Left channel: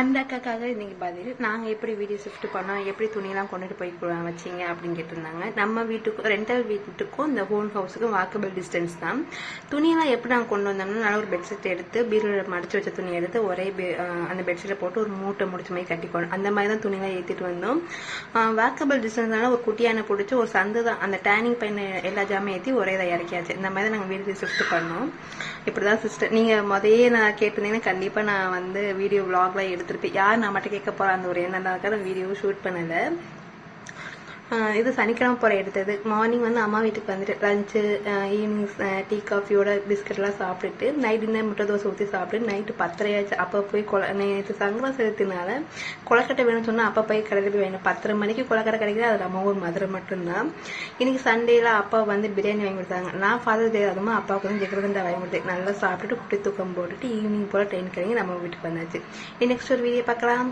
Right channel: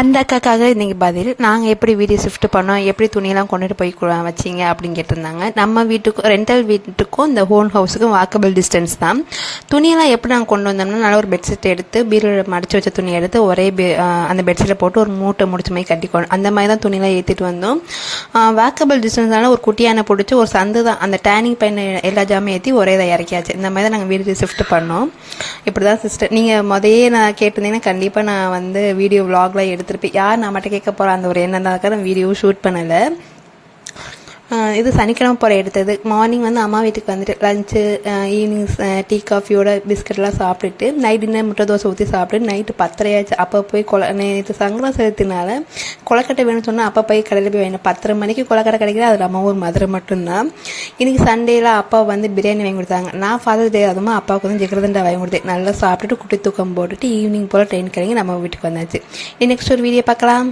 அந்த அக்காக்காக இன்றைக்கி பதில். நாங்கள் எப்படி வீடு ஷிஃப்ட் பண்ணோம், எப்படி துணியெல்லாம் கொண்டுட்டு போய் வச்சிங்க அப்படின்னு கேட்டிருந்தாங்க. நம்ம வீட்டுக்கும் ரெண்டல் வீட்டுக்கும் இந்த ஹோம் ஹவுஸுக்கும் வாக்கபிள் டிஸ்டன்ஸ் தான். துணியெல்லாம் எப்படி நாங்கள் கொண்டு வந்தோம்னா, நல்லா ஒரு பெட்ஷீட் எடுத்து பீரோவில் மடித்து வச்ச துணி எடுத்து ஒரே அந்த பெட்ஷீட்டில் போட்டு ஒரு மூட்டை முடிச்ச மாதிரி கட்டிக்கணும். அந்த மாதிரி தான் துணியெல்லாம் ஏற்றிட்டு வந்தோம். வாக்கபிள் டிஸ்டன்ஸ்னால ஒரு குட்டியான பிடிச்சி ஒரு சந்து தான், அந்த டேனிங் பையன் எல்லா ஜாமே ஏற்றி ஒரே தான் இறக்கியாச்சு. இந்த மாதிரி தான் நாங்கள் வீடு ஷிஃப்ட் பண்ணோம். இப்படி தான் சிஸ்டர், நீங்கள் முதையே நான் கேட்டிருந்தீங்கன்னா கண்டிப்பாக நான் வந்து வீடியோ விலாக்லாம் எடுத்துருப்பேன். யார் நான் மட்டும் கேட்க போகிறேன் அந்த ஒரு எண்ணம் தான் நான் வீடியோ ஷூட் பண்ணலை. இது சனிக்கிழமை போகிற எடுத்தது. மார்னிங் வந்து அம்மா வீட்டுக்கு வந்துட்டு லஞ்சு, ஈவினிங் டீ காஃபியோட பிஸ்கட்லாம் சாப்பிட்டுட்டு நைட் டின்னர் முட்டை தோசை ஊற்றி சாப்பிட்டு நைட்டு 10:30 ஆச்சு. அப்போ போய் நேற்று சங்கரா சேர்த்தினால கொலக்கட்டை வேணும்னு சொன்னால் அப்போ போய் கடையில் போய் வேணும். 10:30 மணிக்கு கொலக்கட்டை கிடைக்கிது. அது நம்ம ஊர் மதுரை மட்டும்தான். இன்றைக்கி சண்டேயில் அப்பா வந்து பிரியாணி வாங்கி கொடுத்தாங்க. நான் ஃபாதர் டே அதுவும் அப்பாவுக்கு வந்து ஜிகர்தண்டா வாங்கி கொடுத்தேன். நல்லா சாப்பிட்டுட்டு குட்டி தூக்கம் போட்டுட்டு ஈவினிங் போல் ட்ரெயின் கிடைக்கி நம்ம வீட்டுக்கு வந்தாச்சு. நெக்ஸ்ட் ஒரு வீடியோ பார்க்கலாம்.